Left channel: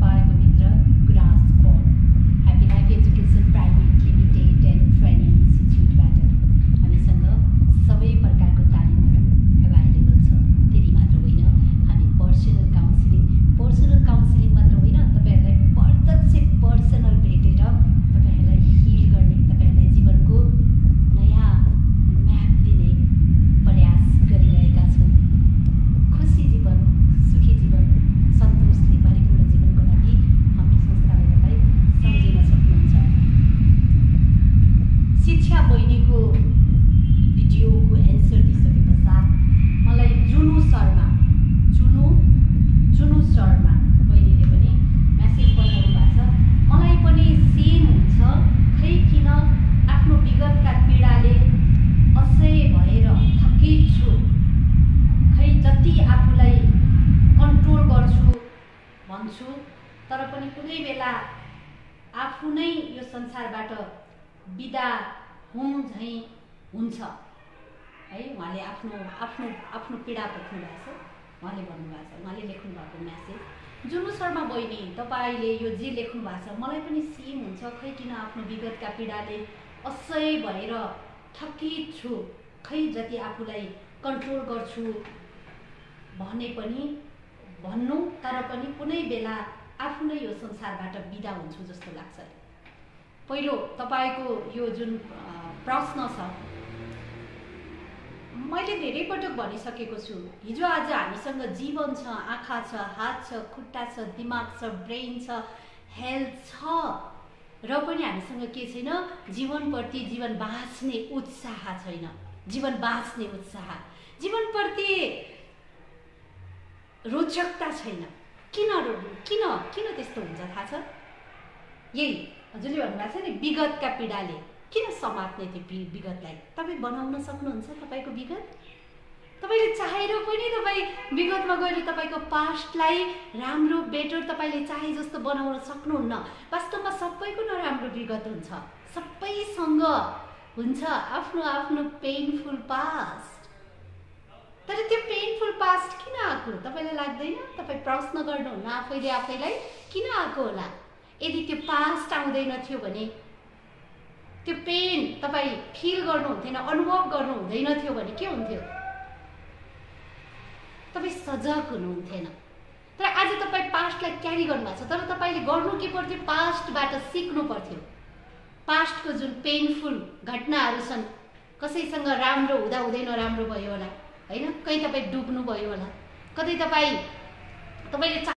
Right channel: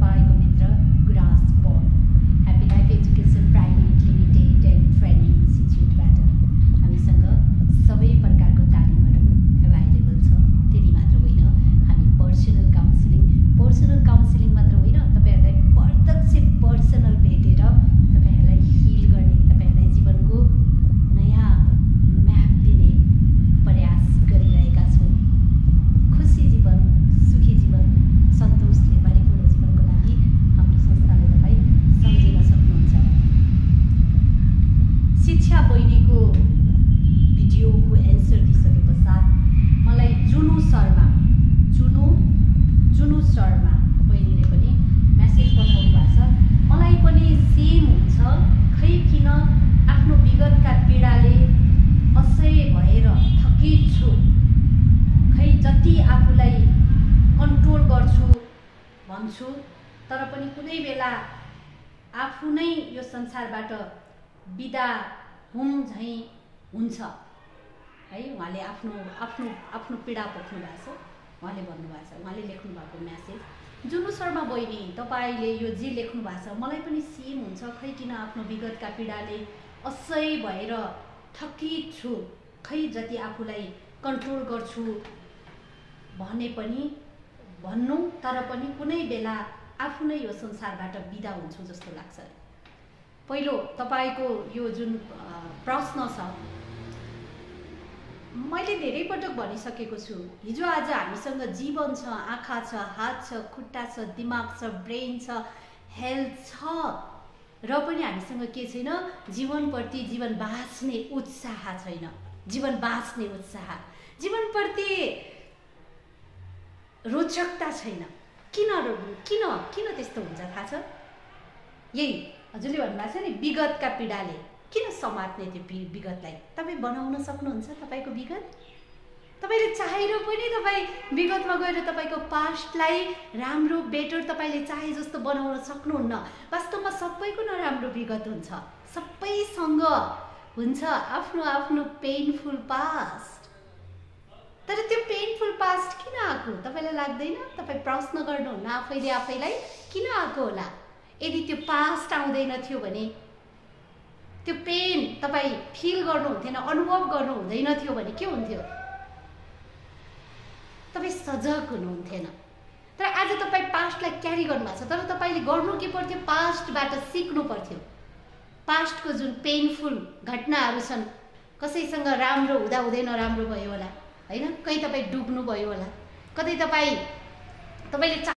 तपाईको मित्र Gurans Pal happy life education private limited and training इन्स्टिट्युटबाट हामीसँग सबै प्रकारको तालिमहरू एभाइलेबल छ। त्यति मात्र होइन, हामी पर्सनल काउन्सिलिङ मात्र होइन, तपाईहरुलाई प्रत्यक्ष पर्सनल भेटेर तपाईहरुलाई हिल गर्ने, तपाईहरुलाई जीवनको नयाँ म्याप दिने प्रयास गरिरहेका छौँ। खुसी जीवन, सुखी जीवन, सन्तोषले भरिपूर्ण जीवनको लागि हाम्रो संस्थालाई तपाईँ सम्झिन सक्नुहुन्छ। शिक्षा बहिनीको भिडियोको एन्सर दिइसके पश्चात मलाई जुनु शर्मा बहिनीले पनि मेसेज पठाउनु भएको छ। मलाई पनि सेम हुन्छ, खै किन आफ्नो विगतका पीडाले असह्य भएर थकित छु, खै जति आफूलाई कन्ट्रोल गर्छु भन्छु तर पनि कुनै बेला आफू नै यो संसारबाट बिदा हुँ झैँ हुन्छ है। उहाँले आफ्नो पीडा पोख्नु भएको छ, उहाँले भन्नुभएको छ, उहाँले लेख्नु भएको म्यासेज। जुनु शर्मा बहिनी, तपाईले यो जे लेख्नु भएको छ मलाई पनि सेम हुन्छ, खै किन आफ्नो विगतका पीडाले असह्य भएर थकित छु, खै जति आफूलाई कन्ट्रोल गर्छु भने पनि भन्नु तर पनि कुनै बेला आफू नै यो संसारबाट बिदा हुन्छु जस्तो लाग्छ। पहिलो तपाईको यो जुन प्रश्न छ, मैले धेरै पटक भनिसकेको छु, हिजो आज हामीसँग जीवन छ, आँखा छ, हात छ, खुट्टा छ, दिमाग छ, ब्रेन छ, हेल्थ छ र पनि हामीसँग के छैन, जीवनप्रति जीवन बाँच्ने उत्साह छैन। जीवनप्रति रोचकता छैन। किन त्यस्तो हुन्छ थाहा छ? यही हजुरले भन्नुभएको छ नि, विगतका पीडाले किन समात्ने त्यो विगतलाई? तपाईँ बनाउन सक्नुहुन्छ तपाईँको विगत? तपाईँले चाहेर पनि तपाईँ विगतमा गएर तपाईँको पास्टलाई राम्रो बेटर तपाईँले चाहे जस्तो बनाउन सक्नुहुन्न। वास्तवमा सबैको नराम्रो विगत हुन्छ, सबैसँग हुन्छ आफ्नो पेनफुल पास्ट। तर त्यो पेनफुल पास्ट किन आएको तपाईँलाई लाग्दैन? तपाईँ प्रश्न गर्नुहुन्न आफैलाई किन आएको होला? यदि त्यो पास्ट आउँदैन थियो भने, त्यो पेन तपाईँ फिल गर्नुहुन्थेन, अनुभव गर्नु हुँदैन थियो भने के हुन्थ्यो? तपाईँ सजग हुनुहुन्थेन। तर आज तपाईँ पास्टलाई क्यारी गर्नुभएको छ, तर तपाईँले गर्नु के पर्थ्यो? पास्टबाट सिक्नु पर्थ्यो। पास्टको जुन पेनफुल घटनाहरू छन्, कसैसँग राम्रो हुँदै नराम्रो भयो होला होइन, कहीँ तपाईँ डुब्नु भयो होला, कतै तपाईँले